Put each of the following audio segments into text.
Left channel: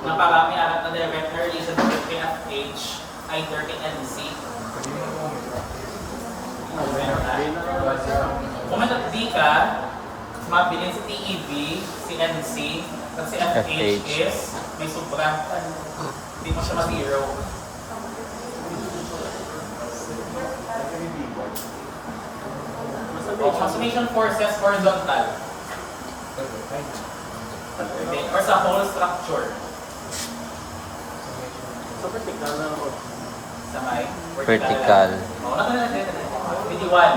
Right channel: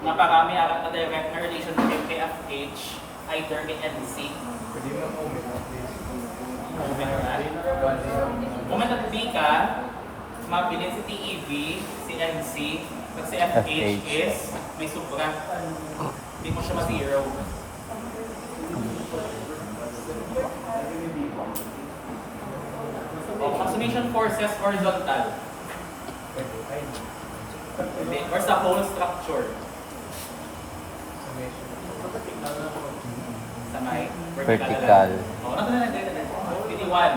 naparami ang na direct relationship kay FH, either kay NC. Moment at B ka, mabilin si TEV, si NC, at si FH is may sobra. Hindi mo siya ma-zero. Consummation forces horizontal. Or sa whole structure. Sa may Vertical. Oh, PD1.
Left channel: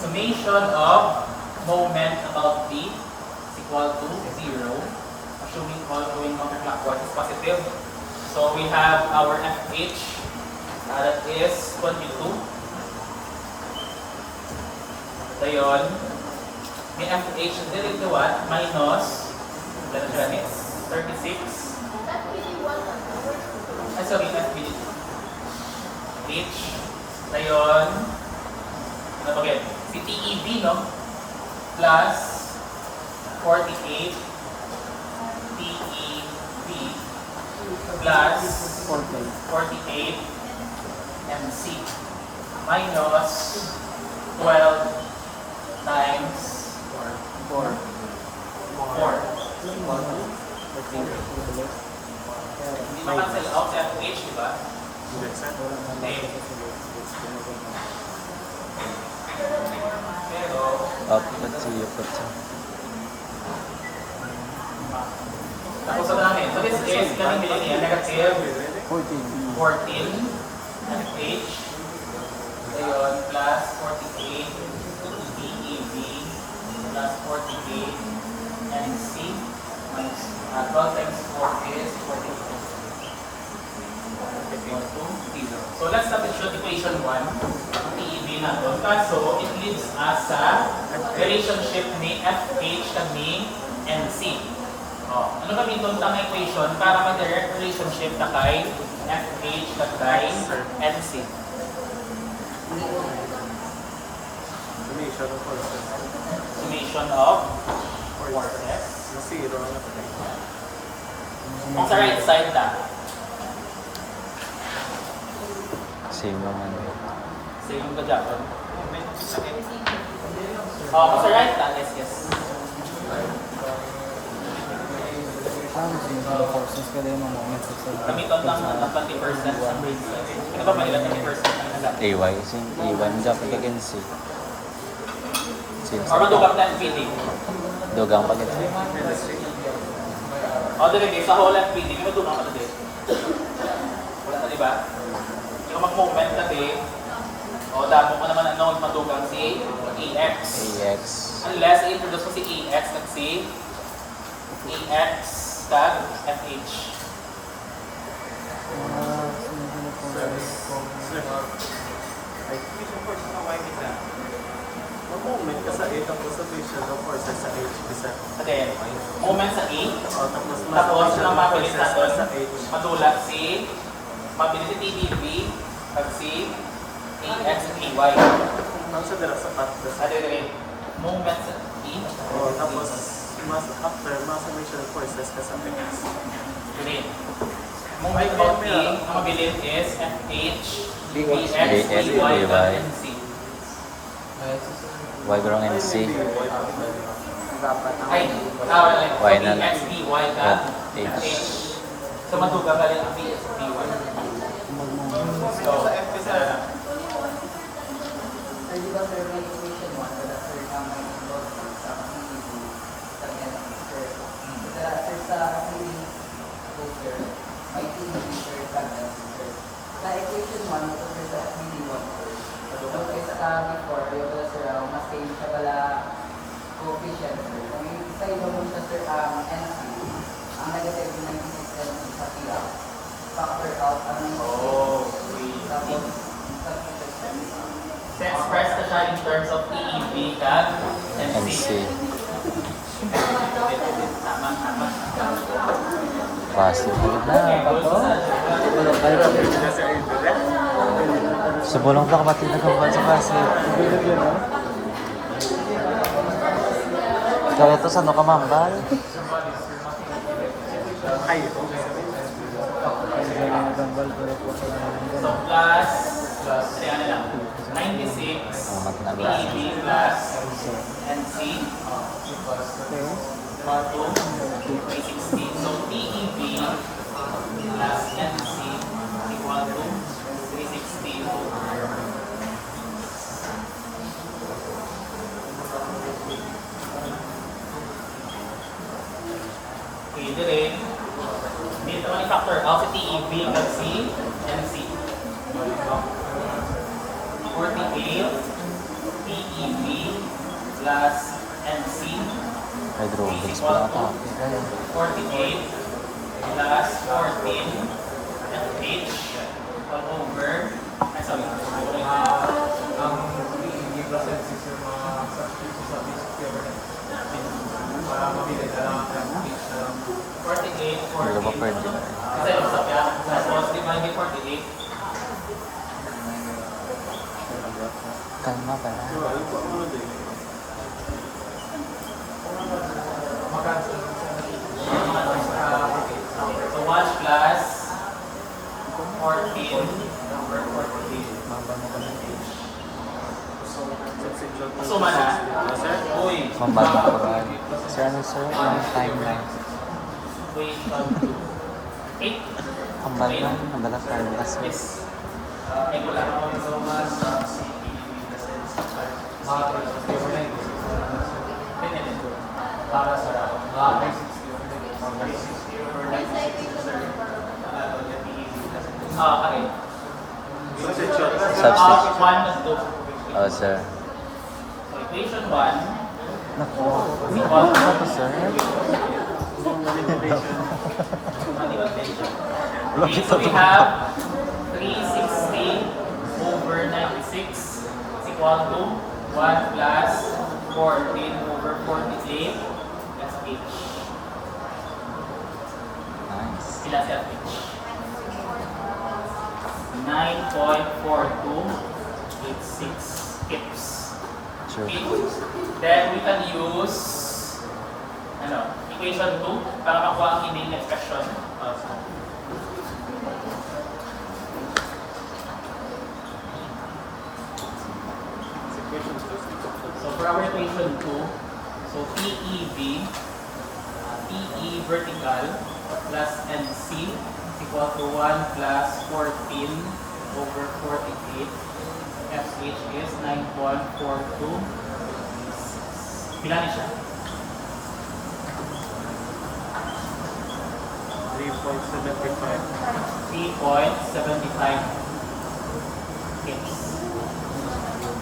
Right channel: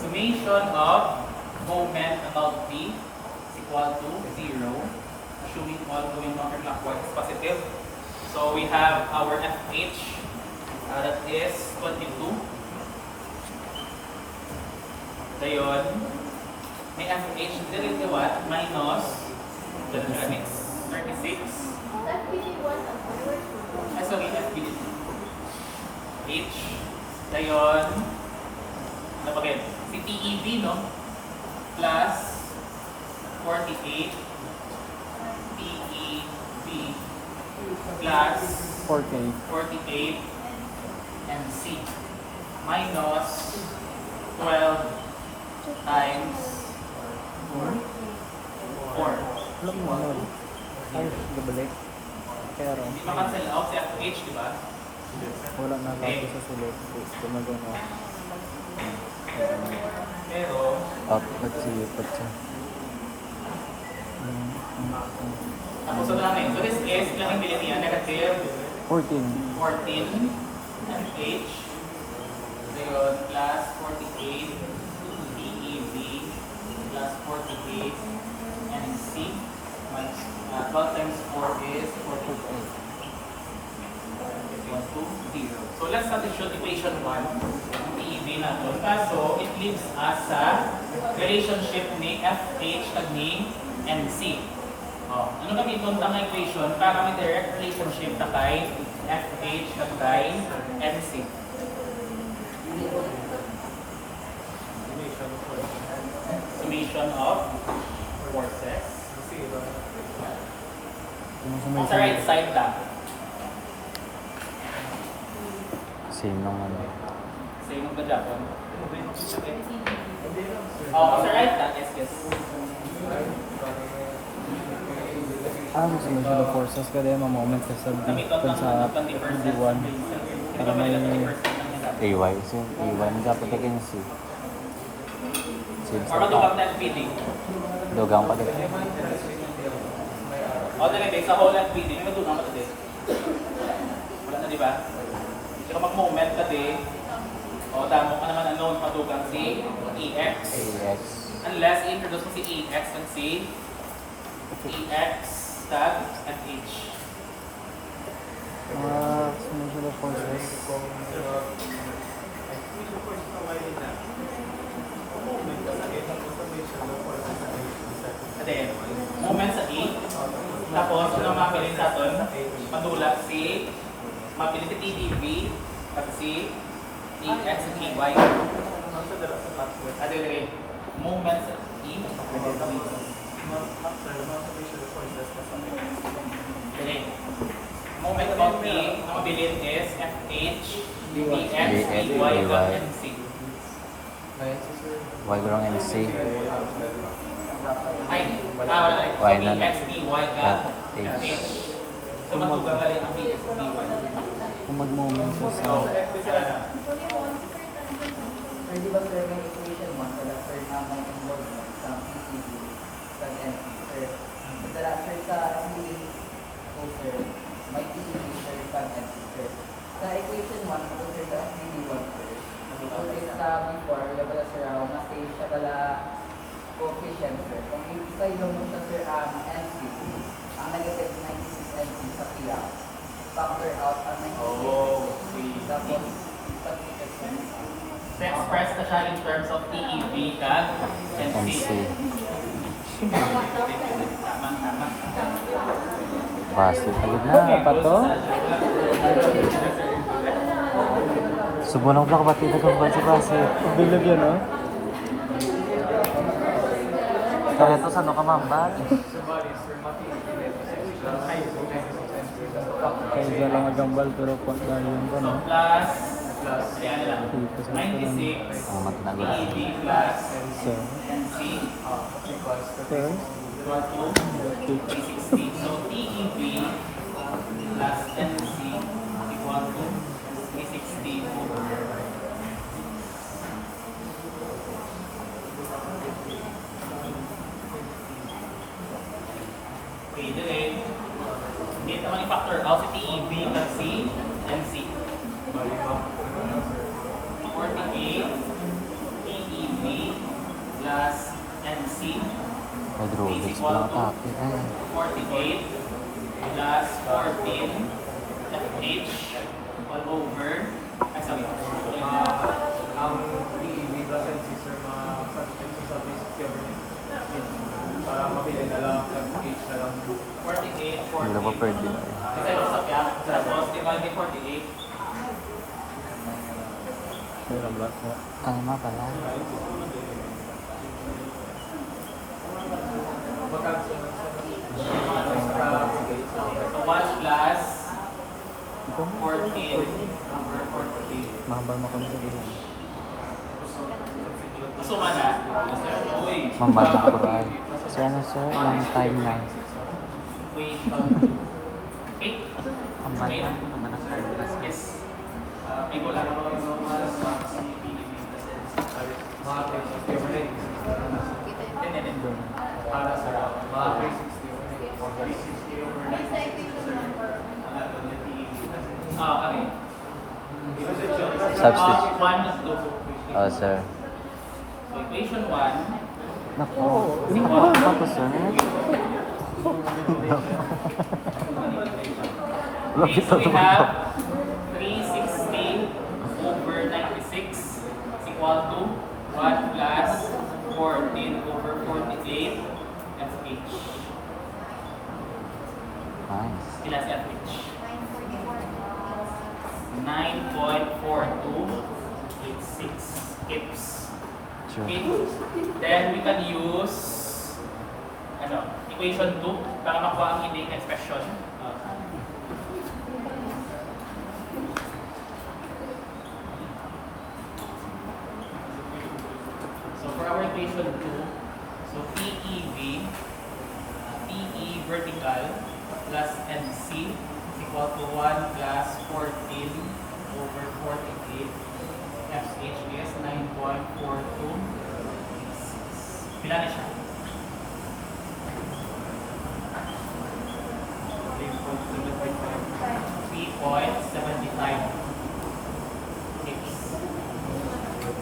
Summation of moment about D is equal to 0. Assuming all going counterclockwise is positive. So we have our FH that is 22. Dayon, may FH delete the what? Minus, ganun siya next, 36. Ay, sorry, FBD. H. Dayon, ano ba ganyan? Si TEV, no? Plus 48 TEV plus 48 MC minus 12 times 4. Hindi ma-cancel out si FH, di ba? Hindi. Pero, Output siya. tapos sa namin. So this is, ilang bilhin niya? Negative 14. 14 FH. Ayun, plus 48 TEV plus 48 MC minus 12 times 4 is 48. Equal to 0. So let's substitute equation 1. TEV na doon. Kaso, it leads us sa relationship ni FH kag ni NC. Oh, ano kami itong tama equation para may direct relationship na kay FH kag kay NC? Summation of forces. Kung sa right side na, Same naman. same yung Japan. Oh, kung sa right na, yes. The forces ka din ang moment sa Gamiton lang ng 20%. Ito ba manila 20%? AY. Same AY. Hindi dapat ka NC. Same Or sa madugang na FPD? Dogang pa dito. O, dali sa whole FPD, madugang ka dali. Wala na, di ba? Kaya kapag moment ka din, o damo ka naman ang known madugang si EX. AX. Unless i-introduce mo si EX at si EX tag FH. Again, moment sa A, tapos ang mabilis na doon, matulak si TDV at si EX at EY. Again, moment sa E, tapos Ganun. Moment about A, ang mabilis is FH, BX, BY, and NC. Y grong NC. Ay, Y na BX, BY, ka H. FH. So matuga ka rin ang BX, BY. So, coefficient, sir. Kung isa yung mo siya, sir, NC, ang negative 96 sa kaya, factor out ang express na siya in terms of TEV kag NC. NC. Tama. Base. Halog na. Okay, go sa Subulong ka ba tito kung base-base? Binigyan mo? Ikaw ito sa ano ka mambal? Kaya dyan lang nagambal ko rin po sa So, plus, kasi ano lang, 96, Ang matinago. PEB plus So, NC, okay. equal to 360. So, PEB plus NC equal to 360 over. Okay, dire. Dito naman i-factor out si TEB at si MC. 48 PEB plus MC Hydrogens pala ata. Ay, 48 plus 14 FH all over. Ay, sorry. Ang PEB plus and 6 yung mga substitutes sa this government para mabili na lang ang page na lang. 48, wala ba 48. pwede? Kasi yung sa kaya, tapos divide by 48. Kalma pala. So 1 plus 14 over 48. Masuma na. Uy. Mambaba ko rin. Si ano sir, yung time na. Equation 8. Hambal na, hambal ang time na sir. Yes. Ay, wala. Mga government para sa mga 60 Okay. Substitute. 1 at 2. Oh sir. So equation 1. Naku, naku ba to sir? Lapit So na we to. have 360 over 96 is equal to 1 plus 14 over 48. That's H. Nice. Sila si H. 9.4286 kips. True. Okay. Then we can use equation 2 para makuha ang inane expression. So for our equation 2, so PEV, PE vertical plus NC is equal to 1 plus 14 over 48. FH is 9.42. Pinali siya. 3.75 kips.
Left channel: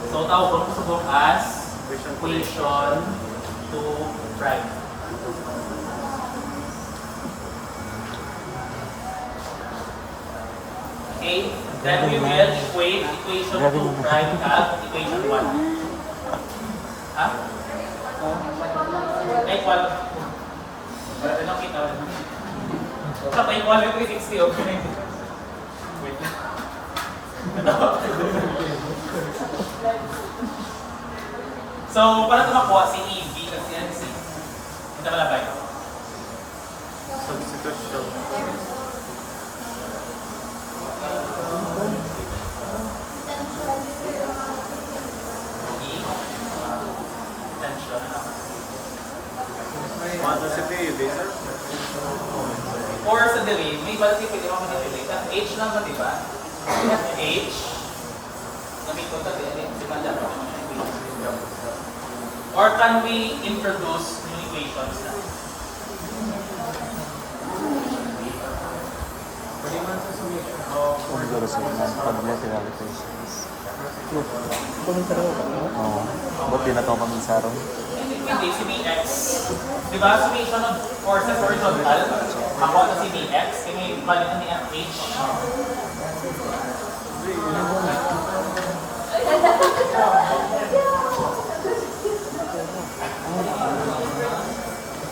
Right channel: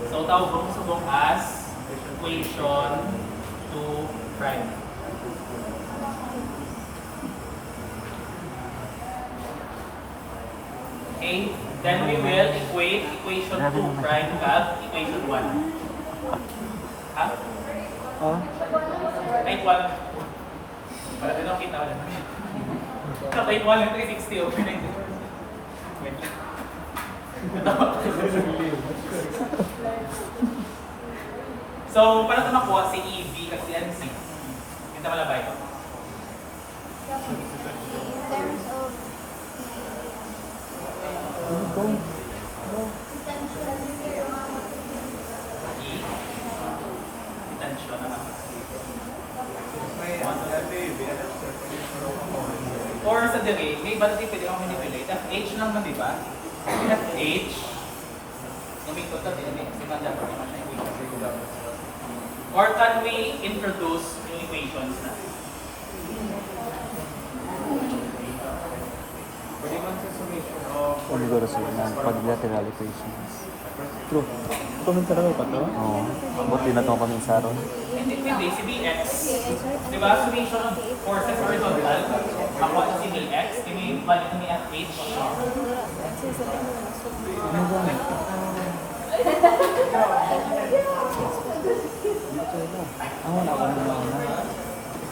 So tawag ko sa book as equation 2 prime. Okay, then we will equate equation 2 prime at equation 1. Ha? Ay, 1. Wala din ang kita. Sabay 1 yung 360 over 90. Wait lang. So, paano ito makuha si EV at si NC? Ito malabay. Or sa delay, may iba din pwede ako manipulate. Ang H naman, di ba? We have H. Gamit ko ito, di ba dyan? Or can we introduce new equations na? pwede man sa summation Siguro sir, ng quadrilateral equations. Ito man talaga ito. Oo. Ba't di na ito paminsaron? Hindi, pwede. Si Bx. Di ba? Summation ng forces horizontal. Makuha na si Bx. Yung may value ni FH.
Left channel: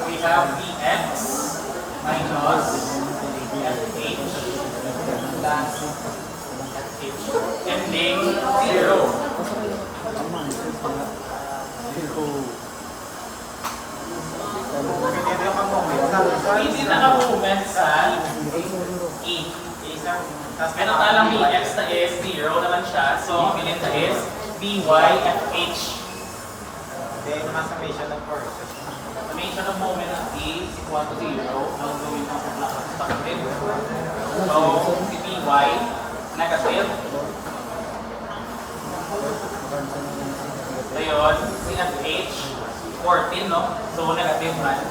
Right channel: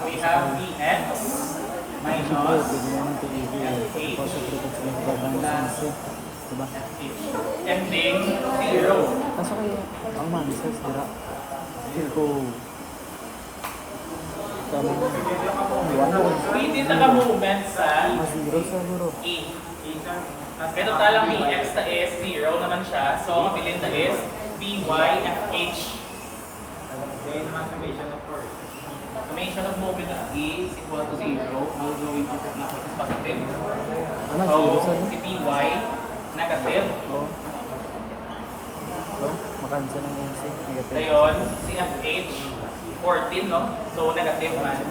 We have Bx minus FH plus FH ending 0. Pwede naka-movement sa E. Pero talang BX na is 0 naman siya. So, ang bilinda is BYFH. Summation of moment of A is equal to 0. Ang gawin ko sa positive. So, si BY, negative. Ngayon, si FH, 14, no? So, negative man.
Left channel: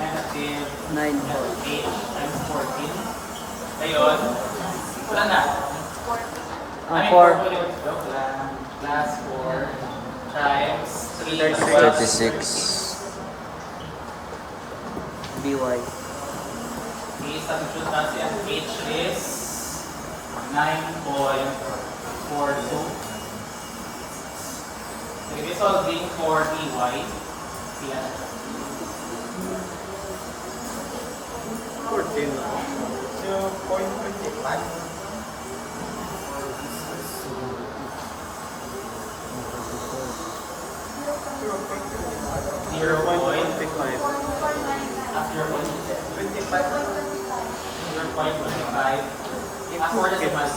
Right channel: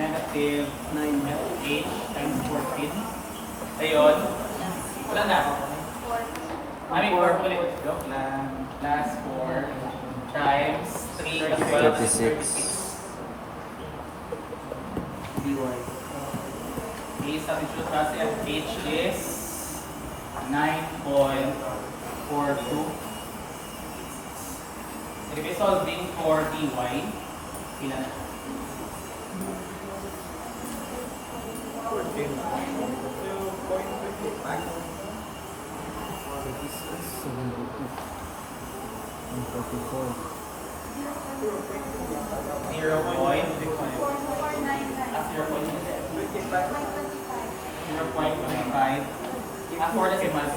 Negative 9FH times 14. Ngayon, wala na. I mean, 4 ulit. Joke lang. Plus 4 times 3 36. DY. The substitute kasi FH is 9.42. Sige, solving for DY. Pila na. 0.25. As for the simas.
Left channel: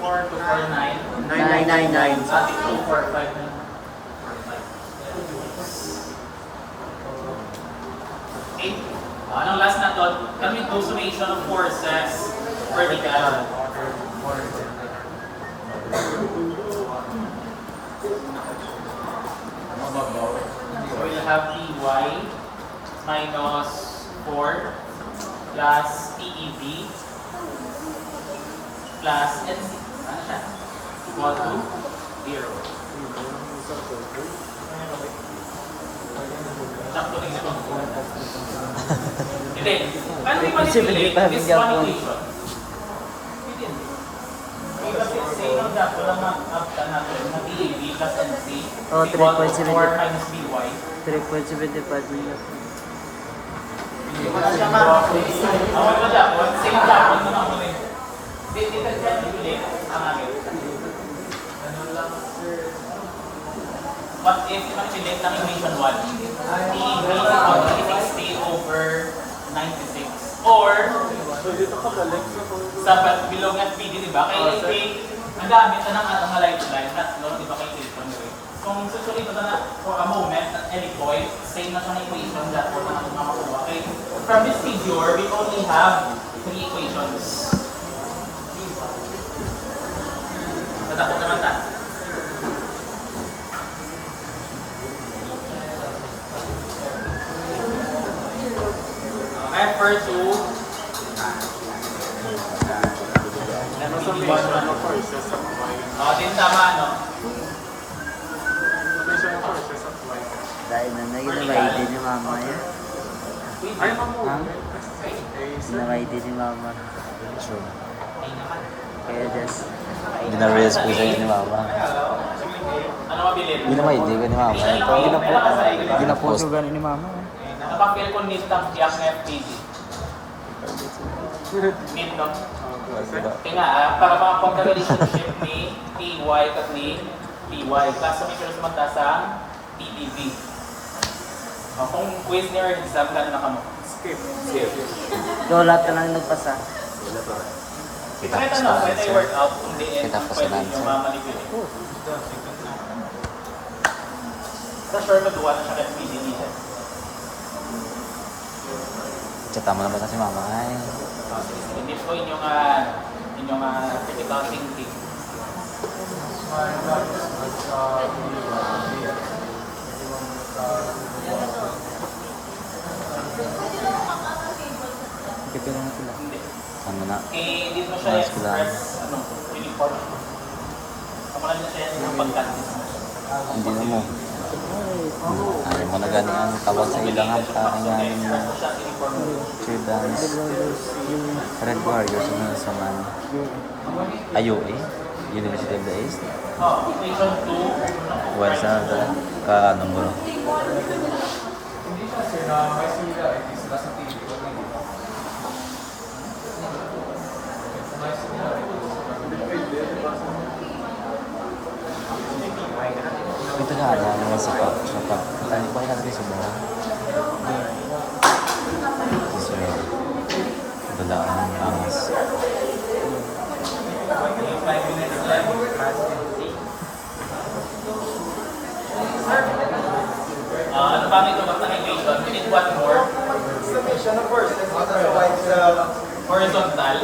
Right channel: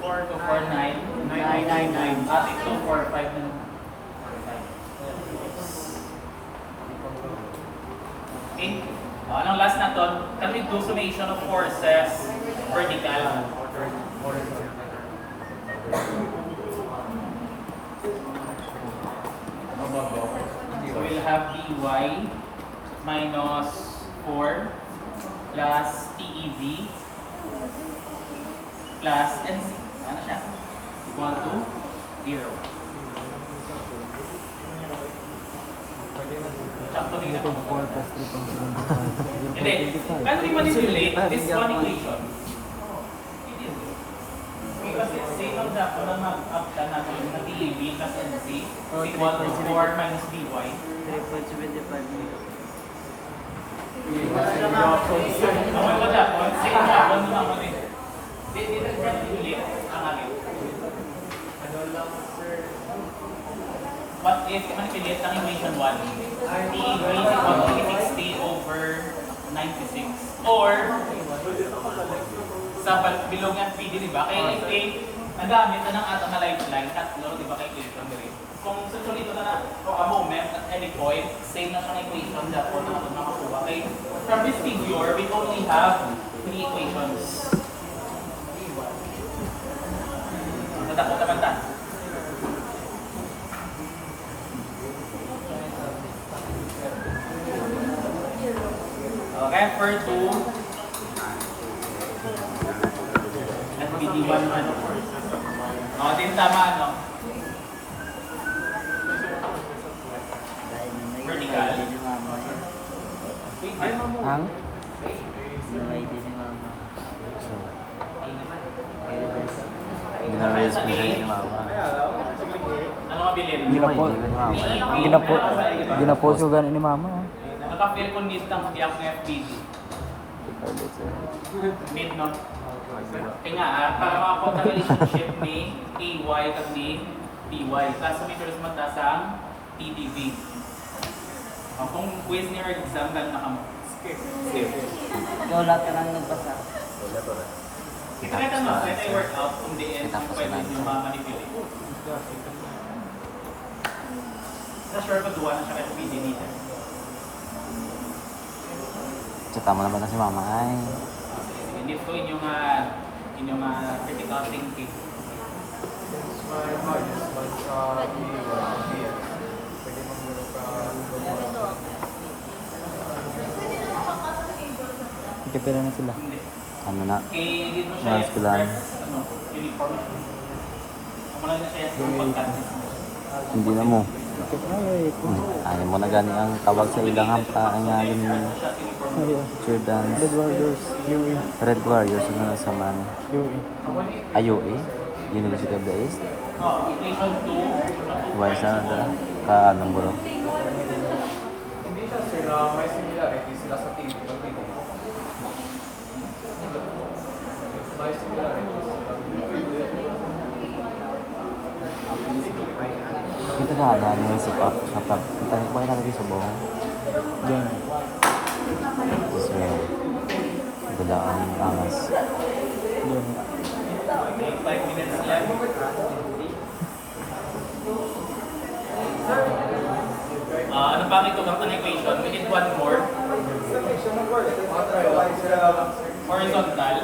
4249. 999. At 245 na. Okay. Anong last na to? Can we do summation of forces vertical? So we'll have dy minus 4 plus PEV plus NC. Ano siya? Equal to 0. Sakto din ito. Hindi. Paano rin manipulate this one equation? Kasi say no that walang mag-up natin na PEV plus NC equal to 4 minus BY. 3.75 Hindi mo na siya awal ko dapat, same dapat mo na ako rin. Hindi ka manipulate ang agad. What if manipulate ang equation 1? PEV is equal to 60 over 96. Or, sa bilog ng PD, di ba? Kaya i-take, ang gamit na ng atang na lifeline, tatlo, di ba, kay equation na rin. Kung susulit ito na for a moment at any point, same na siya ng equation that po na natin makakuha. Okay? From this figure, we only have 3 equations. Nadakot naman ta. Okay, for 2, FPD1. O, din tama, no? Dahil na nag-ID ni mama yan. Nag-ID ni mama. True. Kaya just... Hindi na realize ko sa'yo ni mama. Ano mabilin? Hindi na may hindi ko ni mama. Ginaposo gano'n ni mama. Nakapil ko nitang yang FPD. Min, no? Kaya nga, para makakuha ka relationship ni EY at ni EY. Klasa may sumunta sa PDB. Kung quiz niyo or exam, gano'n na kamo? Skip. Ikaw lahat ka lang nagpasa. Kita Kahit pa ano, sa kahit ay workout, kung di Kita pa sa pwede lansa. yung mamanipulate. Sa sure ka duwa na siya FPD nito. Tsata mo naman na si mama. Ay. Hindi ko inyong critical thinking. Kita lang sila. Hindi. Ano na? Hindi mo siya Ayos ko lang. uniform. Ako lang yung pagkantis mo. Hindi na mo. Ayaw mo na gani ang tawag sa ilang ang ngalan ni True Dance. Red Warriors. Ano na sa man? UAE? University of the East? Equation 2. Wala sa dala? Ka anong bro? Hindi siya sir na may similarities sila sa PEV. May similarities. Ito ka ano sa pag tayo ba natin sa buhay? Sir. lang ang angas. 5 minutes left. Ano bang ito ng equation? We need one more. Summation of forces sa white Horizontal.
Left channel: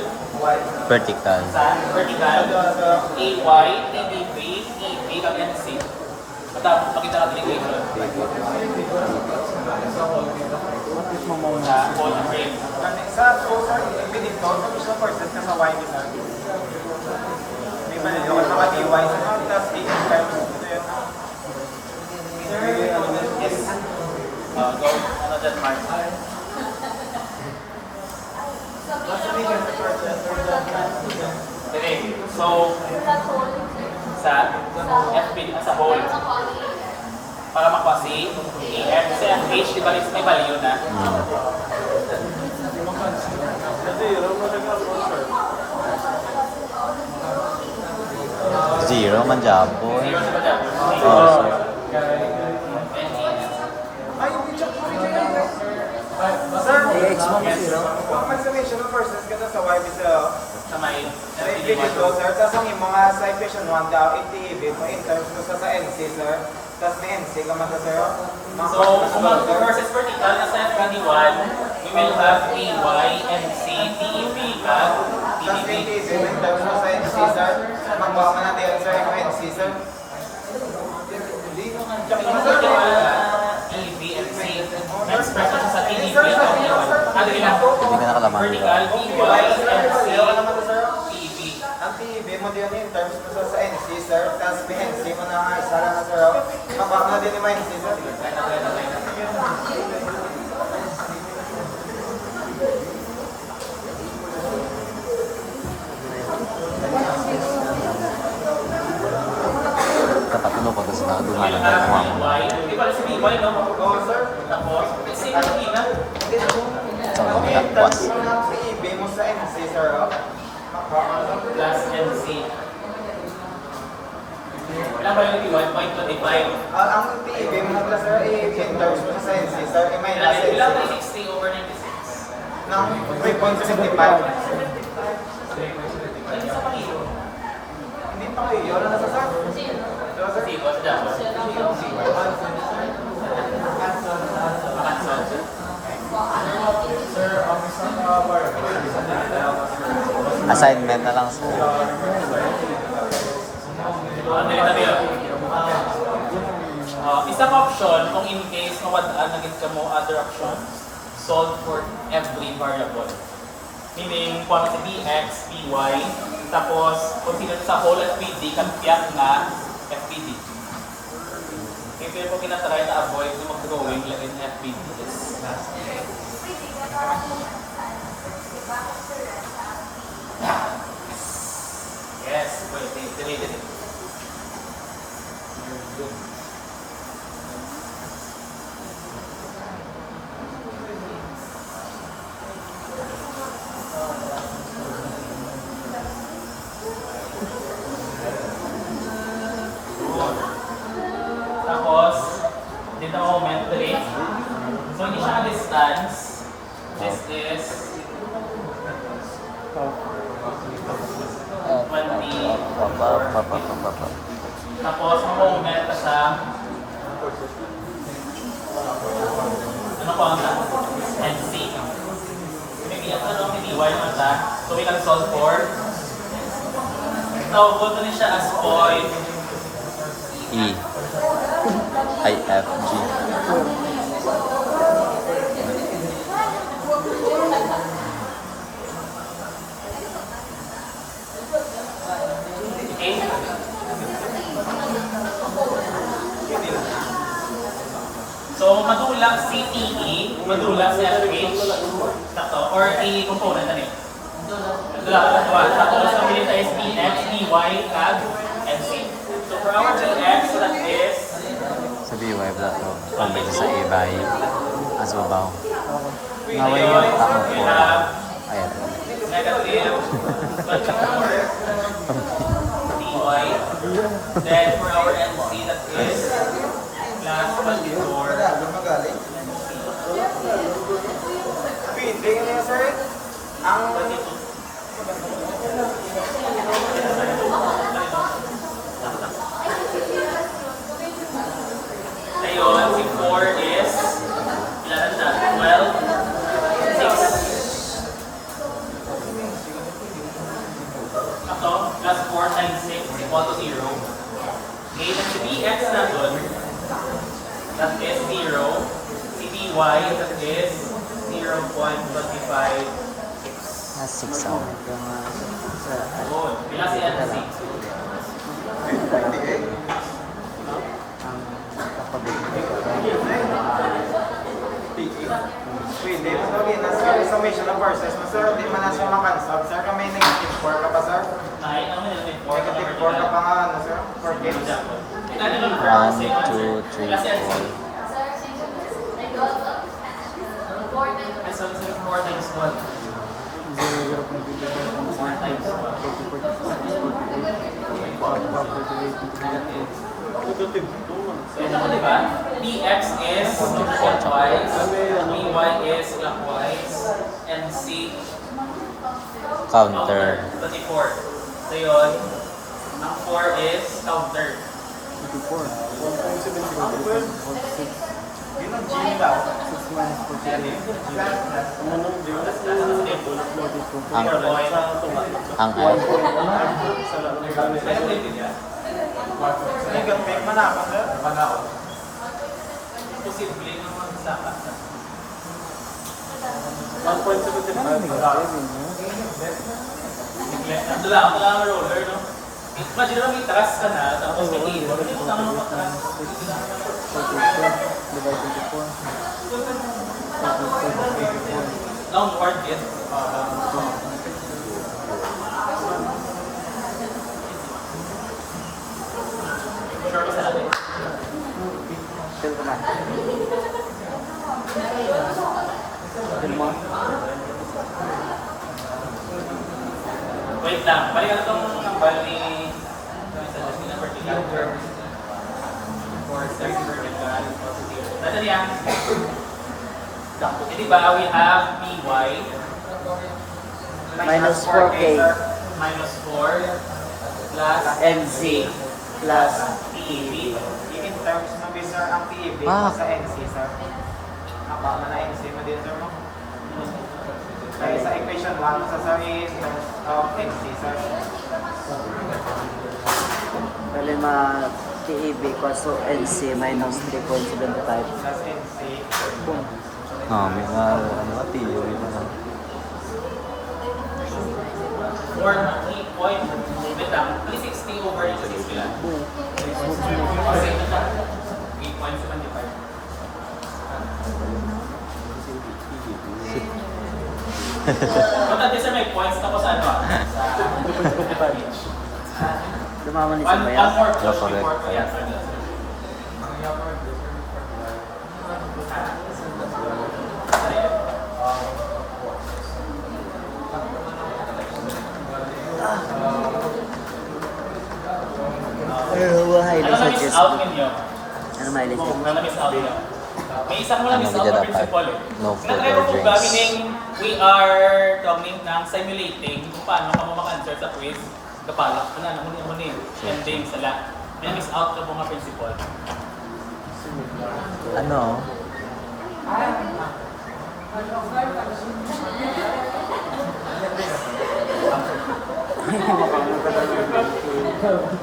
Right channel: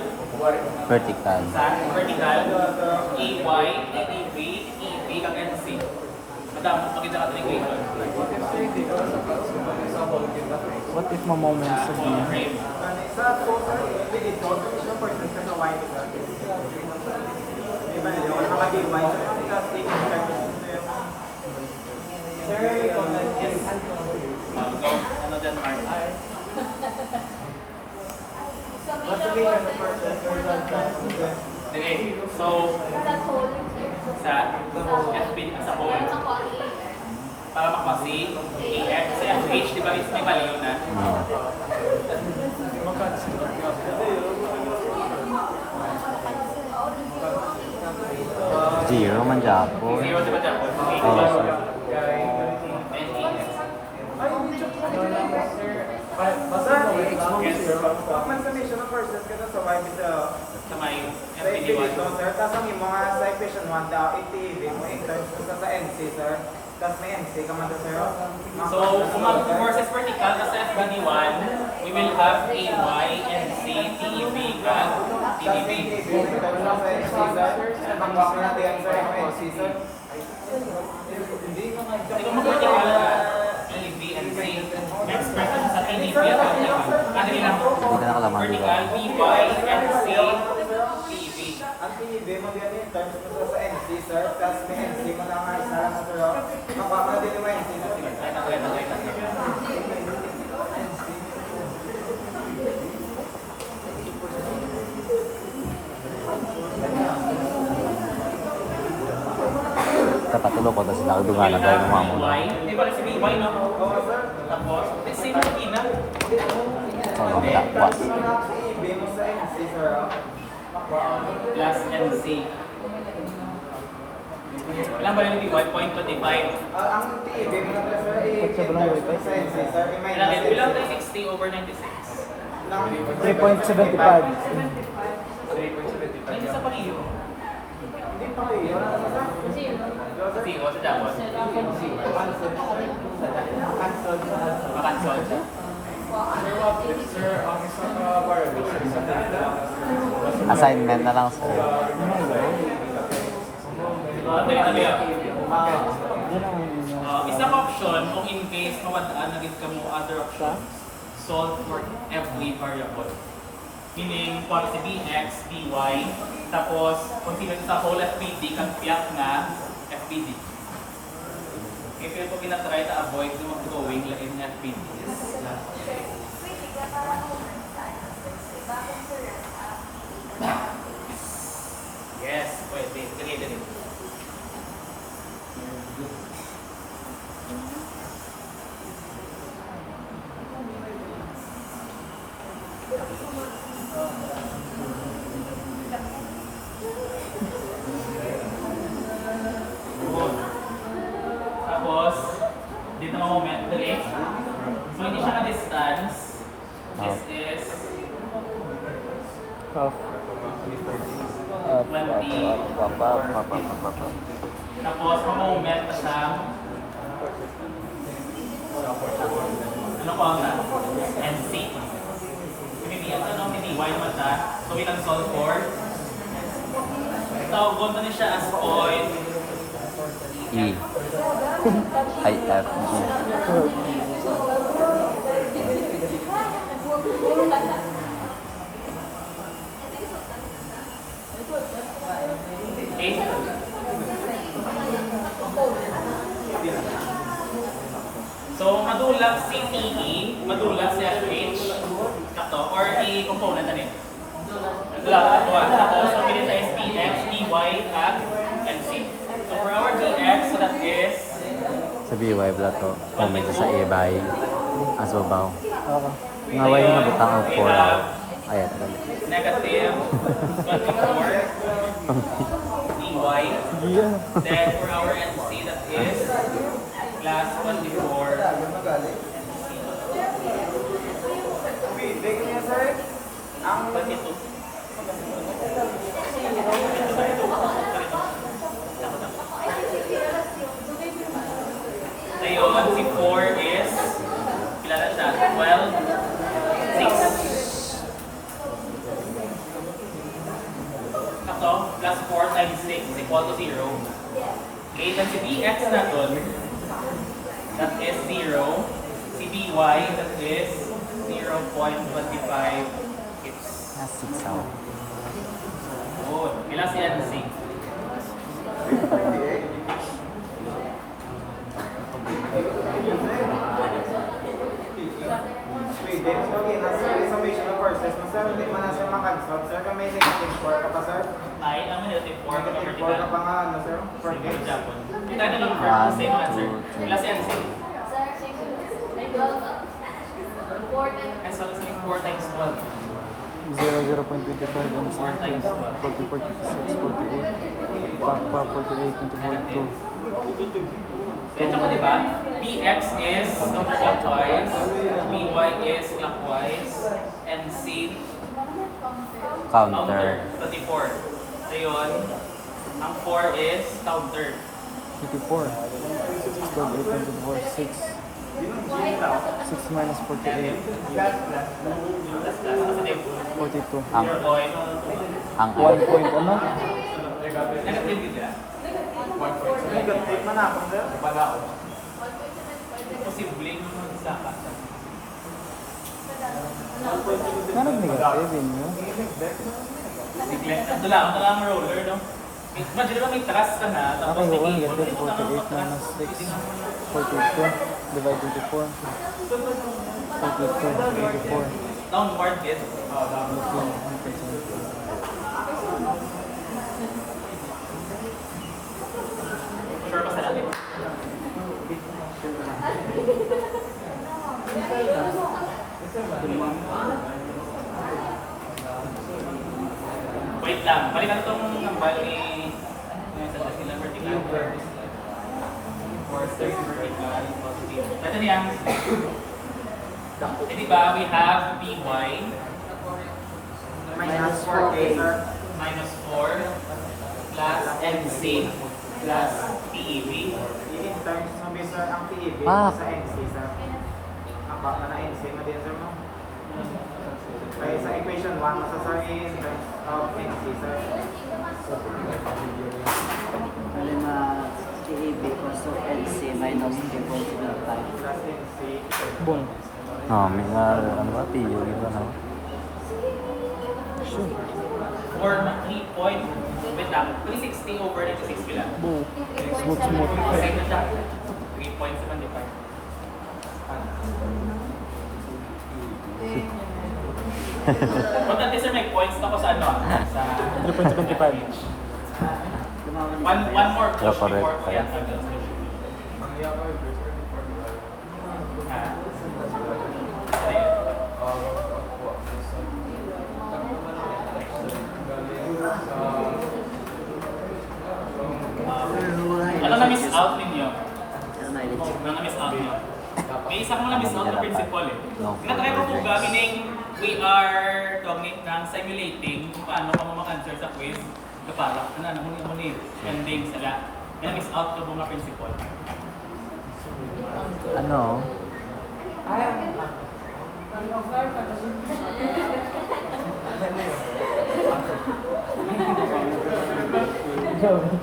Vertical. Sa vertical. AY, ABB, EB, kang NC. Matapos pakita ka ng equation. Sa whole frame. Sa sir, pinito, sa percent ka sa Y nila. May mali ako mga DY. Ang task taking time. Yes. Go. Ano dyan, Mark? Okay. So, sa FP sa whole, para makuha si AF, sa FH, di ba, is may value na? Zero man Japon. Zero sila dyan. Okay. Oh, so, Ay, hindi check po dyan. Sir, ang mag-summation of persons ka sa Y bisa Sa may sa dito, sir. Tapos ang yung mga sa equation 1 tao, iti-ibig mo in terms mo sa NC, sir. Tapos may NC ka man sir. So, kung mag-versus vertical na sa FBD1, we will have AY, NC, TEB, CAG, Tapos may TDB. iti-ibig in terms mo sa NC, sir. Magbawa man natin yan, sir, yung NC, sir. Kung vertical na, TEB, NC, express na sa TDB at TEB1. Ano ilang? hindi ka nakalaman. Vertical, BY, NC, TEB. Ang TEB mo din in terms mo sa NC, sir. Tapos may NC mo na isa lang na, sir. Magbawa na din yung NC, sir. Kapatulo ko kasi nakadungan na tayo ng mamo na. May pala si BY, no? Oo, sir. Tapos, same na ina. So, tapos. Mga TEB mo sa NC, sir. Magbawa na. Plus NC. Ilan ba yung BY? 0.25. Ang TEB mo na pala, sir, in terms mo sa NC, sir. May Ilan nasa ilan NC. 60 over 96? Ng 3.75. Hindi sa pag-iyo. Hindi pa kayo. Yun ang nasa, sir. Kasi what's that one? Makansol siya. Assignment na lang, sir. Tabi yun. Isang option, kung in case mawadaan na ka mo other option, solve for every variable. Meaning, kung si bx, py, tapos kung sila sa whole FPD, kampiyat na FPD. Kaya po pinatry na avoid yung mag-drawing lang in FPDs. Yes, pwede. Dali. Tapos, dito ang moment 3. So, hindi siya ka-distance. This is 20. Tapos, ang moment na siya. Ano ko ang na? NC. Maybe, hindi Y naman siya. So, we can solve for. Tawag ko na siya as point. E. I, F, G. Okay? So, madulang CTE, madulang sa FH, takto, or A component na rin. Madulang ka tatwa. Tapos, ang minita is PX, PY, CAG, and C. So, for our GX, so that is Sa BY, black ko. Kung medyo sa ibay. Asubaw. Ngayon, Ngaway mo ito ang we 4. have Ayun. negative 24 dy. Then for our NC, that is plus 24 Magaling. Hindi ka na, sir. Ang 22. Ayun, si 4 is, ilan na siya? 12, 6. Ito, plus 4 times 6 equal to 0. Okay, then si bx na dun, that is 0. Si by, that is 0.25 x. Ah, 6 hour. Yun, pila si NC? pwede. Okay, nasa summation of forces. Nasa di man nasa makansab. Sir, kung may negative 4 ka pa, sir? Ay, ano negative 4 Negative 4 ka pa nga, ano, sir? 4 games. 1, 2, 3, 4. Ay, so 4 times 12. 4 times 12. So, ito di ba? Bx is 24 clockwise, By is clockwise, and C Counter. 24. So yun, ang 4 is counter. Yun ang gym daw. Ang ang F. Negative din yan. Negative man ako, sir? Wala ako. Posible naman sa kasa. 1.75. Ito lang ang roller, no? Imagine naman may taras ka na, tapos nag-iiwan. Ito lang ang matras. Downward din. Sure ba sa atin? Wait lang, balikan itong bali suggestion number 2 for search vertical positive. Natin yan. Eh, di ba, we have PY Minus 4K. minus 4 plus MC plus PEB. In terms na ba, sir, ang PEB Ah. sa NC, sir? Apa, mana NC mo din, sir, no? Kaya sa equation 1, nasa, sir, in terms of NC, sir. Problema TEB equals to NC minus 3.75. Plus NC. Oh, may nga ano ba theory ba no? Or 3 point, wait lang, 360 over dito 6 kila. Okay, 3.75. Importante sa may points na ko sa ano sa Tumama ni one Sabaya. more Yeah, correct. Ano na-miss out ninyo? Ano mileage? Ano na-miss out ninyo? May isa ko na-miss Ano out bigyan na dapat? principle eh. No food Sinatry or ko po drinks. gamining we are talking ng simulating kung paano ka mo mag-answer sa quiz. Kapalak, ano mo ni ending sila. May na-miss out ko po mga principle. Ano?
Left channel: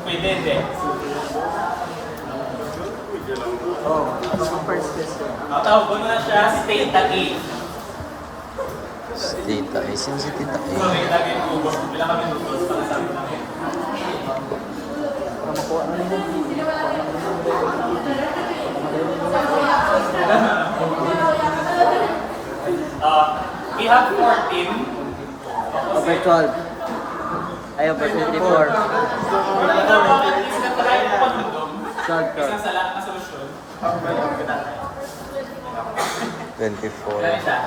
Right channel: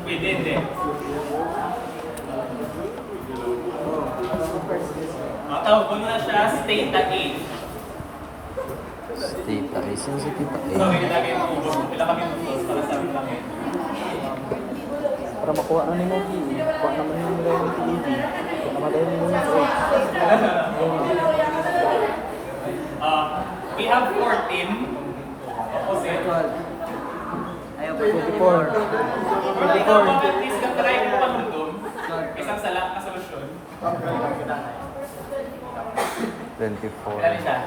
Pwede, hindi. Tawag ko na siya si Theta A. Si Tita A. Sino si Tita So, A? may lagi mag-ubos. Pila kami mag-ubos para sa amin namin. We have 14. Opposite. Virtual. Ayaw pa 54. Pwede nga mo at least na-try mo pagdudong. Isang sala na solusyon. 24. Kaya siya.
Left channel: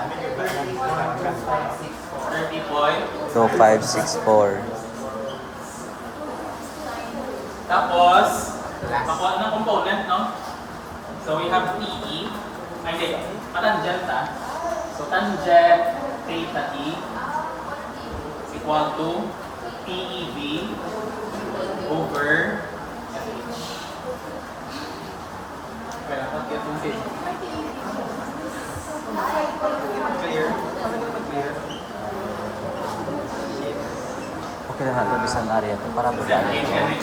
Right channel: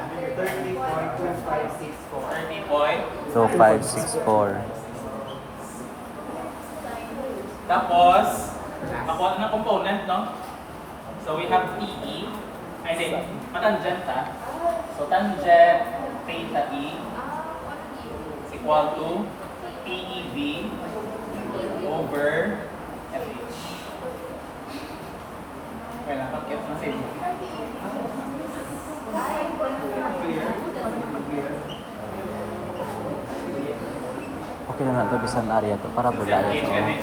30 point. 2564. Tapos, makuha na ng component, no? So we have TE. Ay, hindi. Matangent, ha? So tangent theta E equal to TEB over FH. Kaya lang, get yung same. Clear? Clear? Okay na nato bisan area to para bula FH ito. ka din.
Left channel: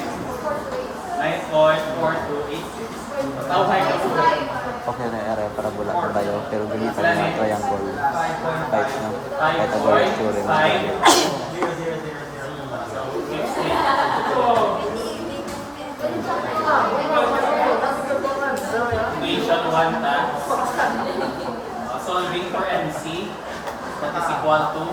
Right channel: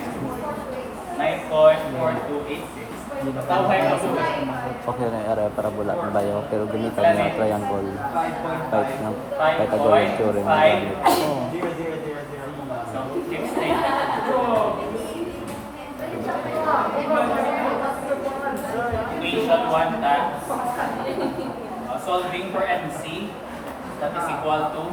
9.4286. Tawag na po. Okay na area para bula to tayo pero gamitan nga triangle kahit nga Pythagorean theorem ng value. So, next equation 1 times solving for MC, that is equal to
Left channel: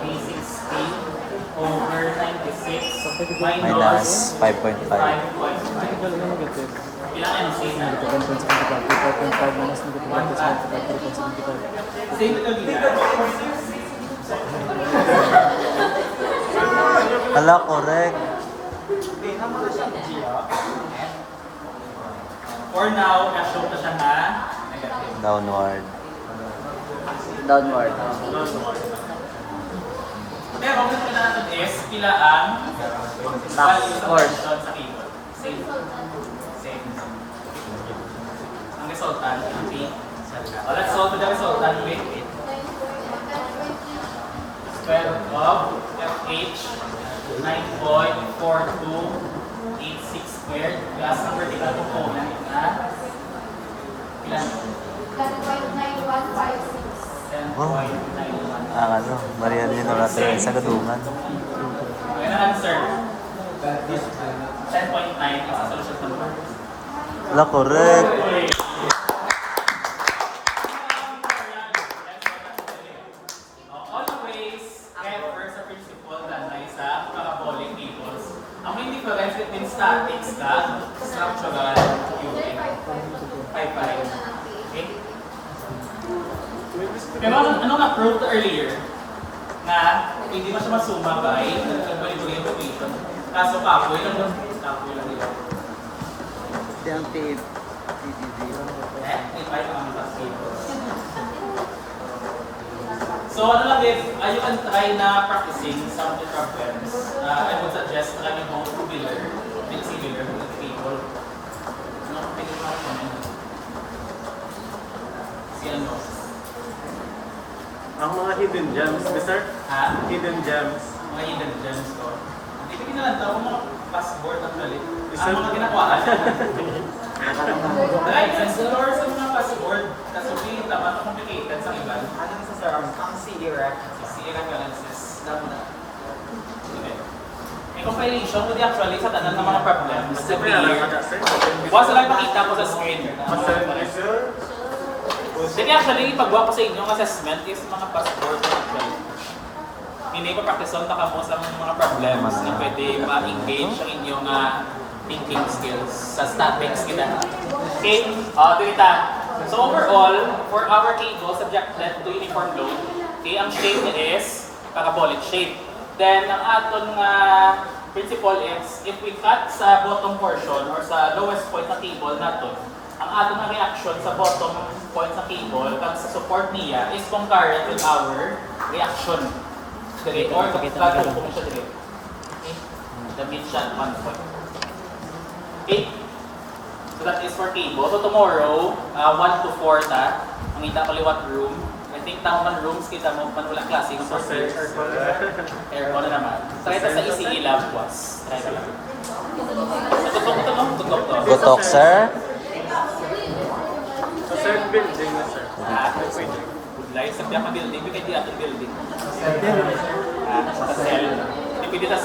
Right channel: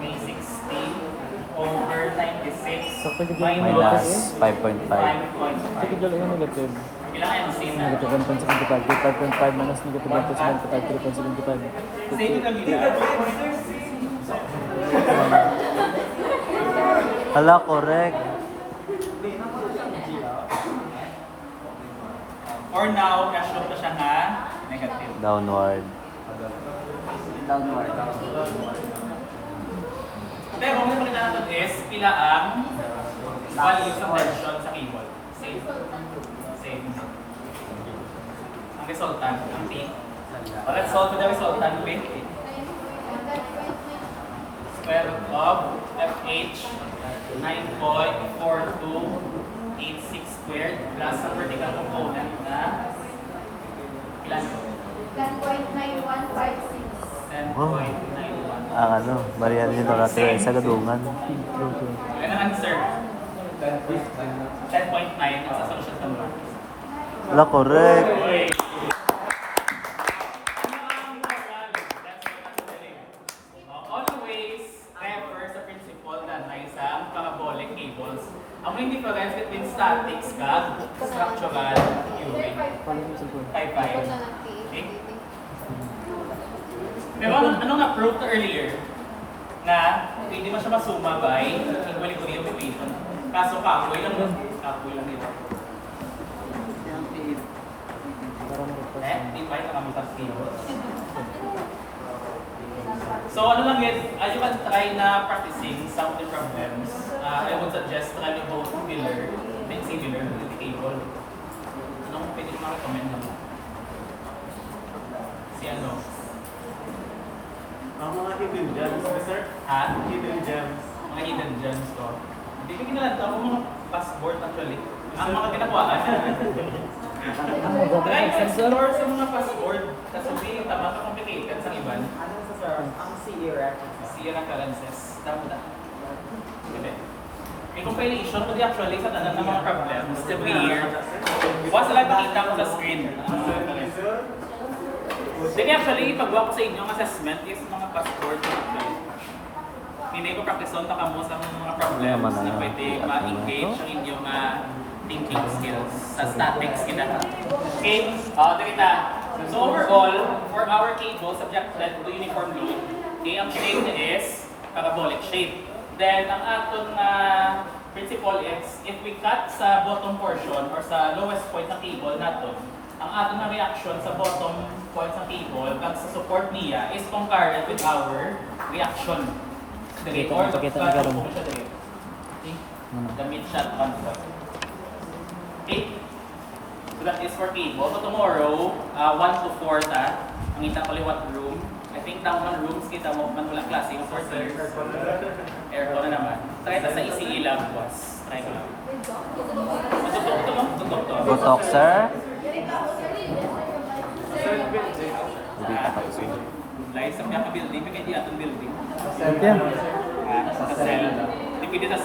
360 over 96 Minus 5.5. 5.5. Negative lang yung negative. Ilang MC na? Negative 1.75. 5.5 minus negative 1.75. 3.75. Same na gila. Hala, correct. For now, na-show na siya na negative. Downward. Downward. Pero kung ito natin is, pila ang value sa question sa keyword. Same. Same. Ang resultant, ang T. Well, let's solve the resultant with square root of FH 9.4286 squared plus ang vertical component na ilan? 10.9156. 10.91. Ang ano, Marian yun natin sa gadungan. Magandang answer. 10.9 is a solution to number. Hala, correct. Always refer sa principle na may sa parabolic cables. Ang main difference between statics ka structural theory. Bye-bye. Okay? Pero ano nga proved earlier na pwede mo siya masuma by equilibrium equation. Kaso kapoy lang nila. Yung PEB. Invite ang mga tables. So ano lang you can try na practicing some of the problems. I would suggest trying both Wheeler, then si Wheeler with the table. Ano ang pwede mo comment? Si ano? Ang mga hidden gems, sir? Ha? Hidden gems. Mga hidden gems ko. Hindi ko lang daw mga passport actually. Ang mga tinakuhaan. Try to explore sa mga passport. Kasi hindi tama complicated sa iban. Anong sa sir? Ang CE reference. Sira balances. Tama na. May compilation ko di actually sa tanan ng mga problems. Sa year. Once lang makita ko sa screen. Then actually, ipagawa ko sa inyong assessment is mga passport. Hindi ko practice on taka mo sa mga problems na pwede ma-engage ang inyong thinking skills sa statics kita. Okay? Dito. So overall, for our cable subjected to uniform load, okay, ang shape niya is parabolic shape. Then, ang aton principle is, if we cut sa bottom portion or sa lowest point ng cable natin, ang aton na reaction sa bottom point ng cable kag sa support niya is concurrent with our reaction. Dali, or tatupok siya dali. Okay? Damit siya at 1 point. Okay? So that is for cable. So tomorrow, 1 to 4 ta, ang ita kaliwat room. I think na man rooms kita mo, man walang klase ng sources. Aircon na naman. Try ta sa ECE lab was. Try ka lang. Tutok to, no? Tutok to. Gutok, sir. Sa sir, building na sir. Live sa biyak building, bigyan di atong building. Sa cell. Dipindi sa